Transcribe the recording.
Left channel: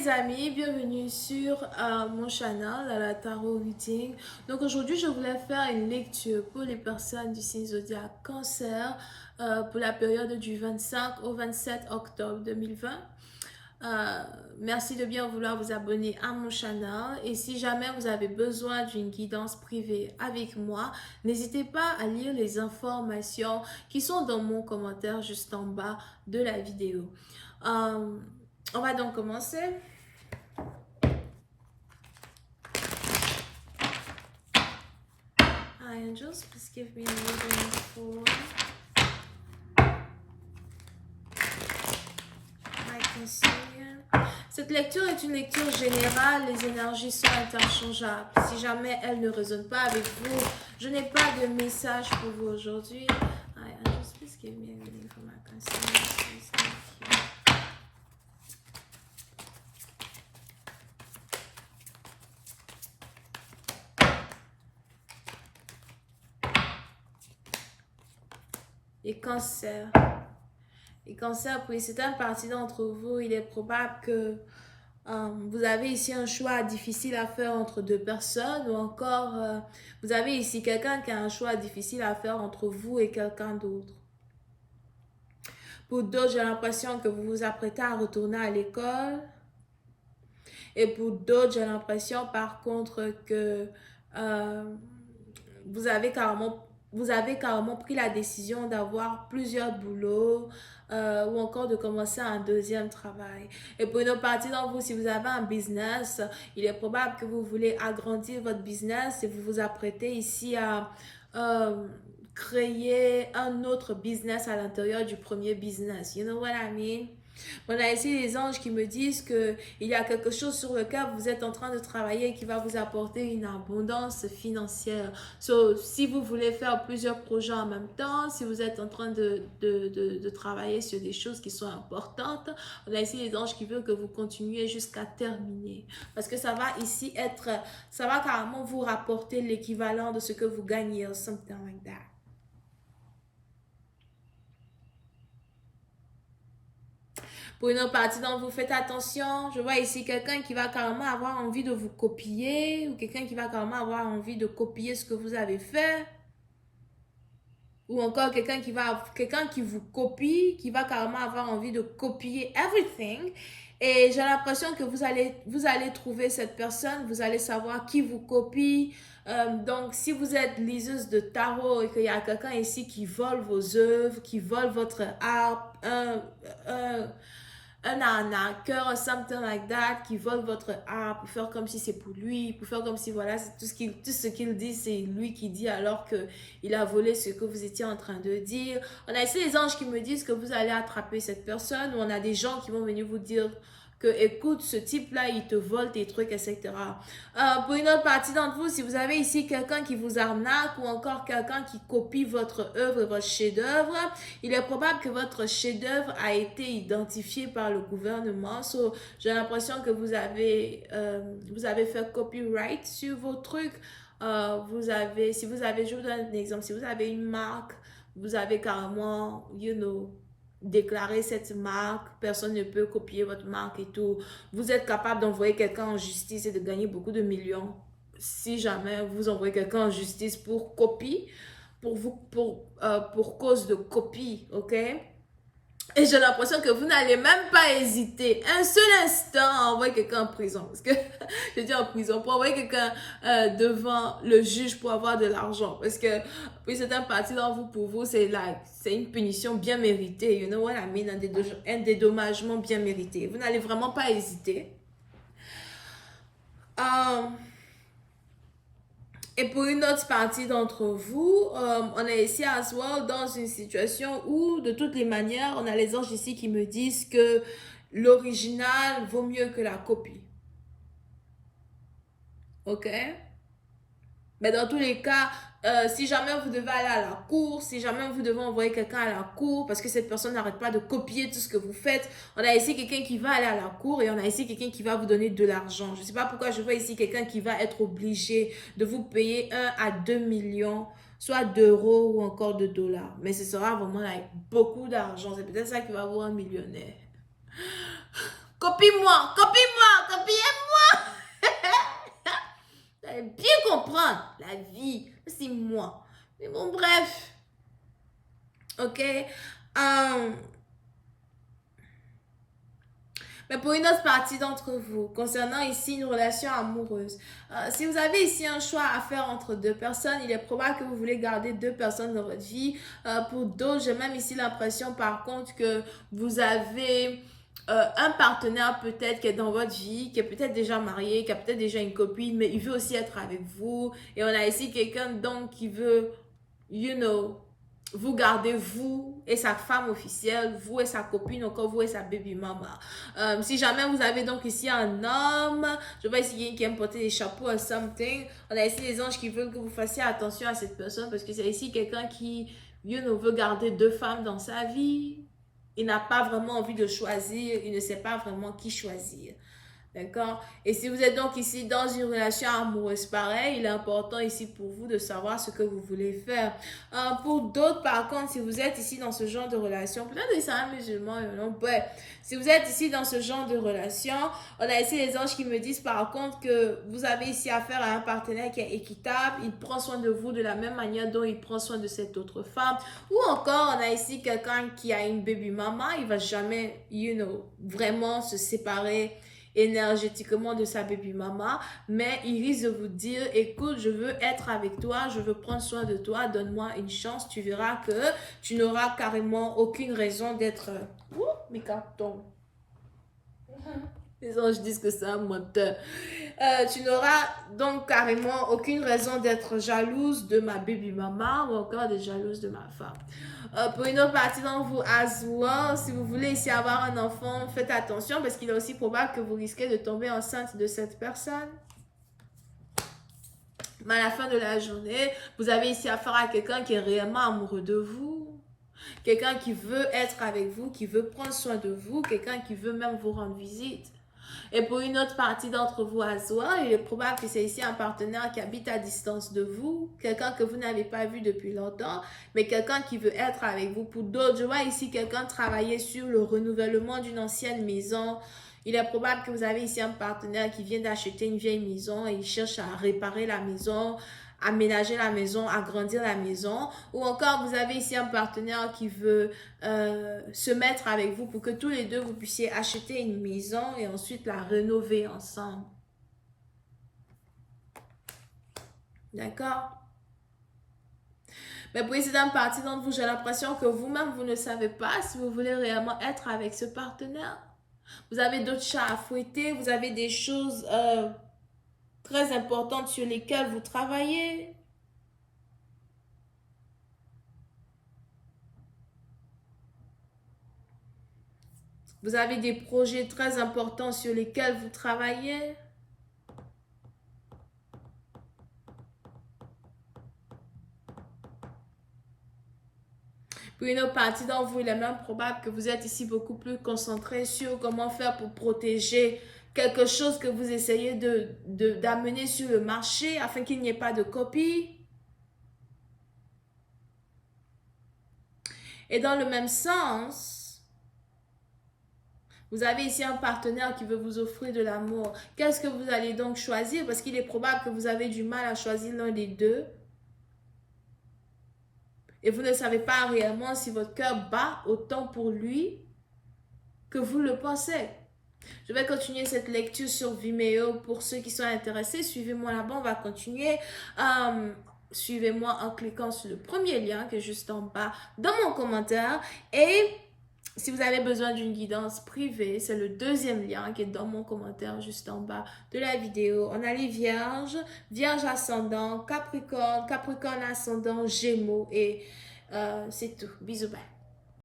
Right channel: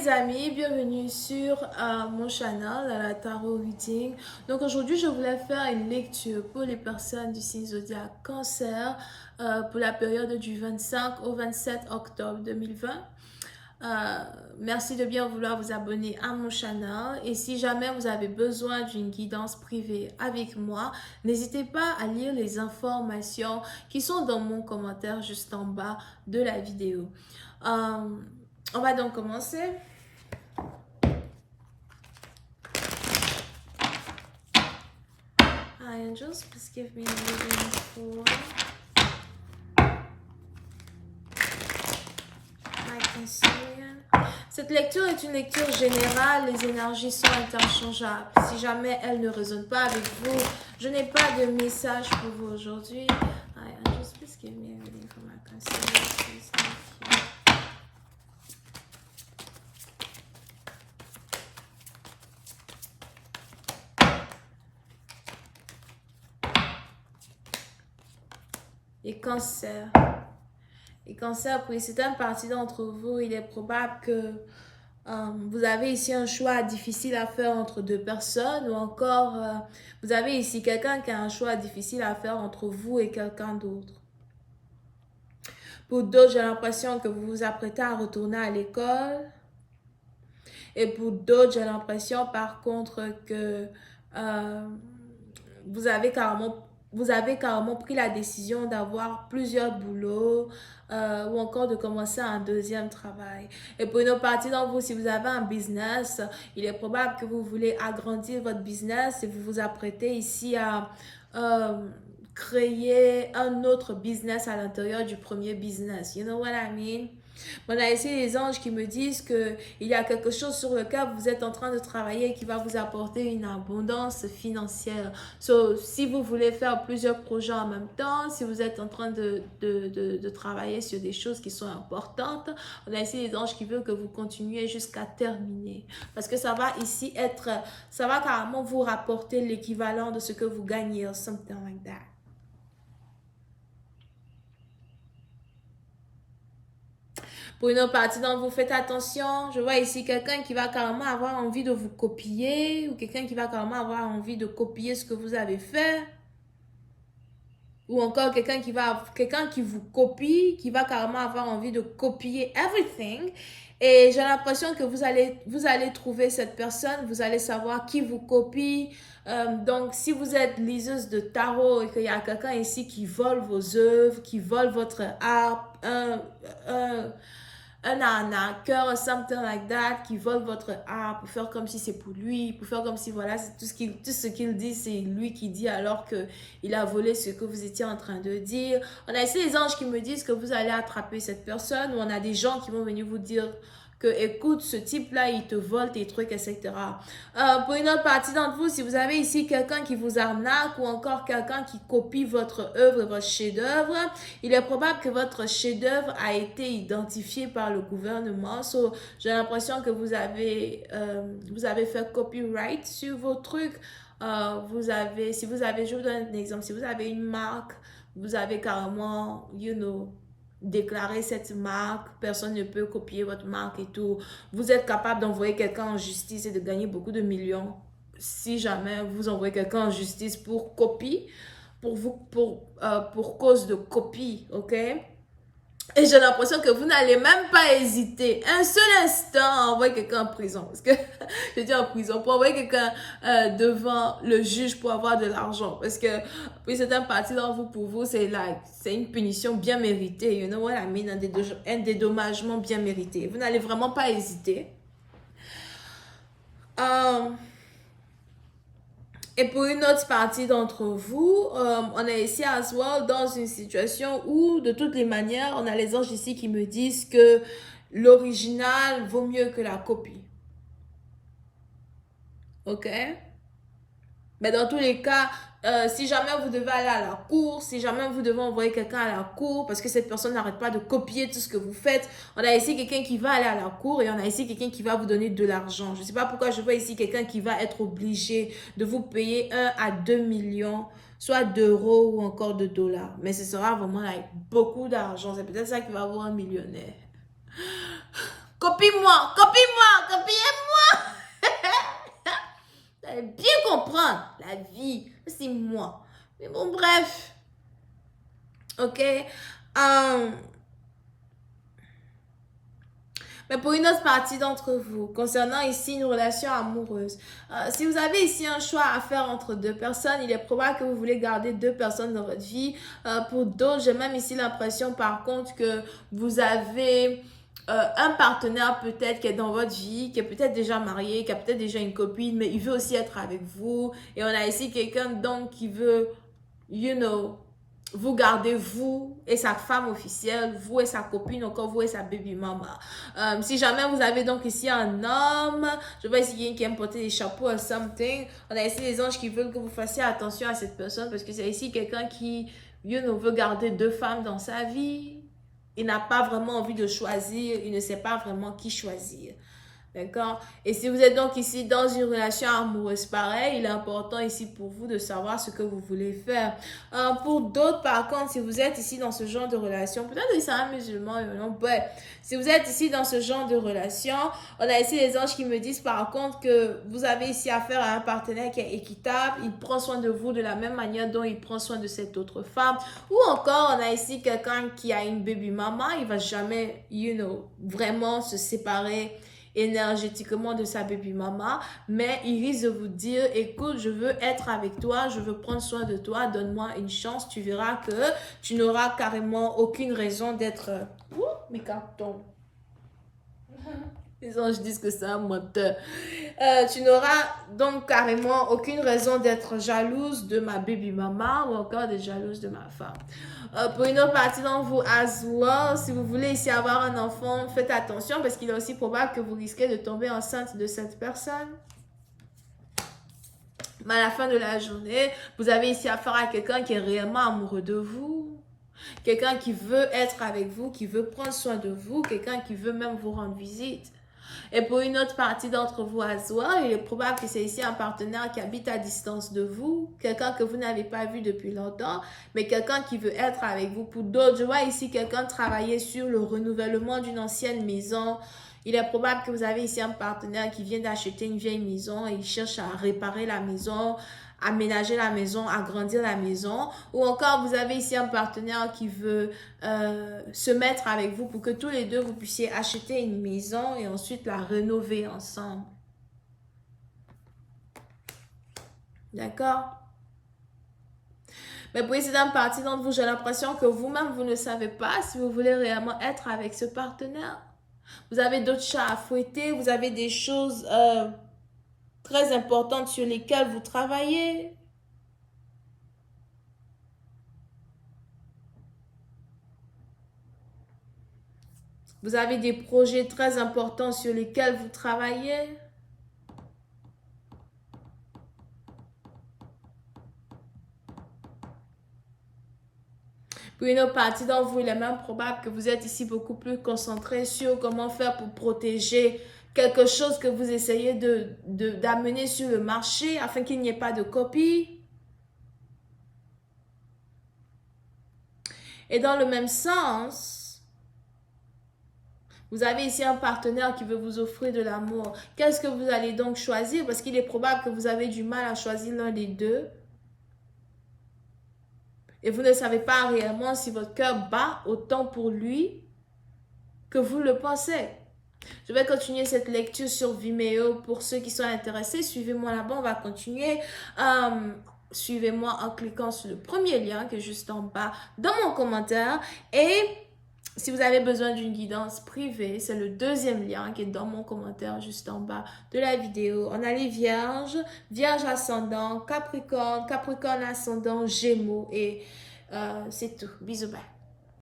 les amis, bienvenue sur mon channel, la Tarot Reading. Donc aujourd'hui, je voulais faire une lecture pour les personnes du signe zodiaque Cancer pour la période du 25 au 27 octobre 2020. Merci de bien vouloir vous abonner à mon channel et si jamais vous avez besoin d'une guidance privée avec moi, n'hésitez pas à lire les informations qui sont dans mon commentaire juste en bas de la vidéo. On va donc commencer. Hi angels, please give me a reading for my Cancerian. Cette lecture est une lecture générale, les énergies sont interchangeables. Si jamais elles ne résonnent pas avec vous, je n'ai pas de message pour vous aujourd'hui. Hi angels, please give me a reading for my Cancerian. Please, thank you. Les cancers. Les cancers, pour une certaine partie d'entre vous, il est probable que vous avez ici un choix difficile à faire entre deux personnes ou encore vous avez ici quelqu'un qui a un choix difficile à faire entre vous et quelqu'un d'autre. Pour d'autres, j'ai l'impression que vous vous apprêtez à retourner à l'école. Et pour d'autres, j'ai l'impression par contre que vous avez carrément pris la décision d'avoir plusieurs boulots ou encore de commencer un deuxième travail. Et pour une autre partie d'entre vous, si vous avez un business, il est probable que vous voulez agrandir votre business et vous vous apprêtez ici à créer un autre business à l'intérieur du premier business. You know what I mean? On a ici les anges qui me disent qu'il y a quelque chose sur lequel vous êtes en train de travailler qui va vous apporter une abondance financière. So, si vous voulez faire plusieurs projets en même temps, si vous êtes en train de travailler sur des choses qui sont importantes, on a ici les anges qui veulent que vous continuiez jusqu'à terminer. Parce que ça va ici ça va carrément vous rapporter l'équivalent de ce que vous gagnez, or something like that. Pour une autre partie d'entre vous, faites attention. Je vois ici quelqu'un qui va carrément avoir envie de vous copier ou quelqu'un qui va carrément avoir envie de copier ce que vous avez fait. Ou encore quelqu'un qui vous copie, qui va carrément avoir envie de copier everything. Et j'ai l'impression que vous allez trouver cette personne, vous allez savoir qui vous copie. Donc, si vous êtes liseuse de tarot et qu'il y a quelqu'un ici qui vole vos œuvres, qui vole votre art, un arnaqueur, something like that, qui vole votre art pour faire comme si c'est pour lui, pour faire comme si voilà, c'est tout ce qu'il dit, c'est lui qui dit alors qu'il a volé ce que vous étiez en train de dire. On a ici les anges qui me disent que vous allez attraper cette personne, ou on a des gens qui vont venir vous dire que écoute, ce type-là, il te vole tes trucs, etc. Pour une autre partie d'entre vous, si vous avez ici quelqu'un qui vous arnaque ou encore quelqu'un qui copie votre œuvre, votre chef-d'œuvre, il est probable que votre chef-d'œuvre a été identifié par le gouvernement. So, j'ai l'impression que vous avez fait copyright sur vos trucs. Je vous donne un exemple, si vous avez une marque, vous avez carrément, déclarer cette marque, personne ne peut copier votre marque et tout. Vous êtes capable d'envoyer quelqu'un en justice et de gagner beaucoup de millions. Si jamais vous envoyez quelqu'un en justice pour copie, pour cause de copie, ok? Et j'ai l'impression que vous n'allez même pas hésiter un seul instant à envoyer quelqu'un en prison. Parce que, je dis en prison, pour envoyer quelqu'un devant le juge pour avoir de l'argent. Parce que, puis c'est un parti dans vous, pour vous, c'est une punition bien méritée. You know what I mean? Un dédommagement bien mérité. Vous n'allez vraiment pas hésiter. Et pour une autre partie d'entre vous, on est ici as well dans une situation où, de toutes les manières, on a les anges ici qui me disent que l'original vaut mieux que la copie. Ok? Mais dans tous les cas, si jamais vous devez aller à la cour, si jamais vous devez envoyer quelqu'un à la cour, parce que cette personne n'arrête pas de copier tout ce que vous faites, on a ici quelqu'un qui va aller à la cour et on a ici quelqu'un qui va vous donner de l'argent. Je ne sais pas pourquoi je vois ici quelqu'un qui va être obligé de vous payer 1 à 2 millions, soit d'euros ou encore de dollars. Mais ce sera vraiment avec beaucoup d'argent. C'est peut-être ça qui va vous rendre millionnaire. Copie-moi, allez bien comprendre la vie. C'est moi. Mais bon, bref. Ok. Mais pour une autre partie d'entre vous, concernant ici une relation amoureuse, si vous avez ici un choix à faire entre deux personnes, il est probable que vous voulez garder deux personnes dans votre vie. Pour d'autres, j'ai même ici l'impression par contre que vous avez un partenaire peut-être qui est dans votre vie, qui est peut-être déjà marié, qui a peut-être déjà une copine, mais il veut aussi être avec vous. Et on a ici quelqu'un donc qui veut, vous gardez vous et sa femme officielle, vous et sa copine, encore vous et sa baby mama. Si jamais vous avez donc ici un homme, je vois ici quelqu'un qui aime porter des chapeaux ou something, on a ici les anges qui veulent que vous fassiez attention à cette personne parce que c'est ici quelqu'un qui, veut garder deux femmes dans sa vie. Il n'a pas vraiment envie de choisir, il ne sait pas vraiment qui choisir. D'accord? Et si vous êtes donc ici dans une relation amoureuse pareille, il est important ici pour vous de savoir ce que vous voulez faire. Pour d'autres, par contre, si vous êtes ici dans ce genre de relation, peut-être que c'est un musulman, non, ouais. Si vous êtes ici dans ce genre de relation, on a ici les anges qui me disent par contre que vous avez ici affaire à un partenaire qui est équitable, il prend soin de vous de la même manière dont il prend soin de cette autre femme. Ou encore, on a ici quelqu'un qui a une baby mama, il va jamais, vraiment se séparer énergétiquement de sa baby mama, mais il risque de vous dire, écoute, je veux être avec toi, je veux prendre soin de toi, donne-moi une chance, tu verras que tu n'auras carrément aucune raison d'être... mes cartons. Les anges disent que c'est un menteur. Tu n'auras donc carrément aucune raison d'être jalouse de ma baby mama ou encore de jalouse de ma femme. Pour une autre partie d'entre vous, as well, si vous voulez ici avoir un enfant, faites attention parce qu'il est aussi probable que vous risquez de tomber enceinte de cette personne. Mais à la fin de la journée, vous avez ici affaire à quelqu'un qui est réellement amoureux de vous. Quelqu'un qui veut être avec vous, qui veut prendre soin de vous, quelqu'un qui veut même vous rendre visite. Et pour une autre partie d'entre vous à soi, il est probable que c'est ici un partenaire qui habite à distance de vous, quelqu'un que vous n'avez pas vu depuis longtemps, mais quelqu'un qui veut être avec vous. Pour d'autres, je vois ici quelqu'un travailler sur le renouvellement d'une ancienne maison. Il est probable que vous avez ici un partenaire qui vient d'acheter une vieille maison et il cherche à réparer la maison, aménager la maison, agrandir la maison. Ou encore, vous avez ici un partenaire qui veut se mettre avec vous pour que tous les deux, vous puissiez acheter une maison et ensuite la rénover ensemble. D'accord? Mais pour essayer d'une partie d'entre vous, j'ai l'impression que vous-même, vous ne savez pas si vous voulez réellement être avec ce partenaire. Vous avez d'autres chats à fouetter, vous avez des choses très importantes sur lesquelles vous travaillez. Vous avez des projets très importants sur lesquels vous travaillez. Pour une autre partie d'entre vous, il est même probable que vous êtes ici beaucoup plus concentré sur comment faire pour protéger quelque chose que vous essayez d'amener sur le marché afin qu'il n'y ait pas de copie. Et dans le même sens, vous avez ici un partenaire qui veut vous offrir de l'amour. Qu'est-ce que vous allez donc choisir? Parce qu'il est probable que vous avez du mal à choisir l'un des deux. Et vous ne savez pas réellement si votre cœur bat autant pour lui que vous le pensez. Je vais continuer cette lecture sur Vimeo pour ceux qui sont intéressés. Suivez-moi là-bas, on va continuer. Suivez-moi en cliquant sur le premier lien qui est juste en bas dans mon commentaire. Et si vous avez besoin d'une guidance privée, c'est le deuxième lien qui est dans mon commentaire juste en bas de la vidéo. On a les vierges, vierge ascendant, capricorne, capricorne ascendant, gémeaux et c'est tout. Bisous, bye.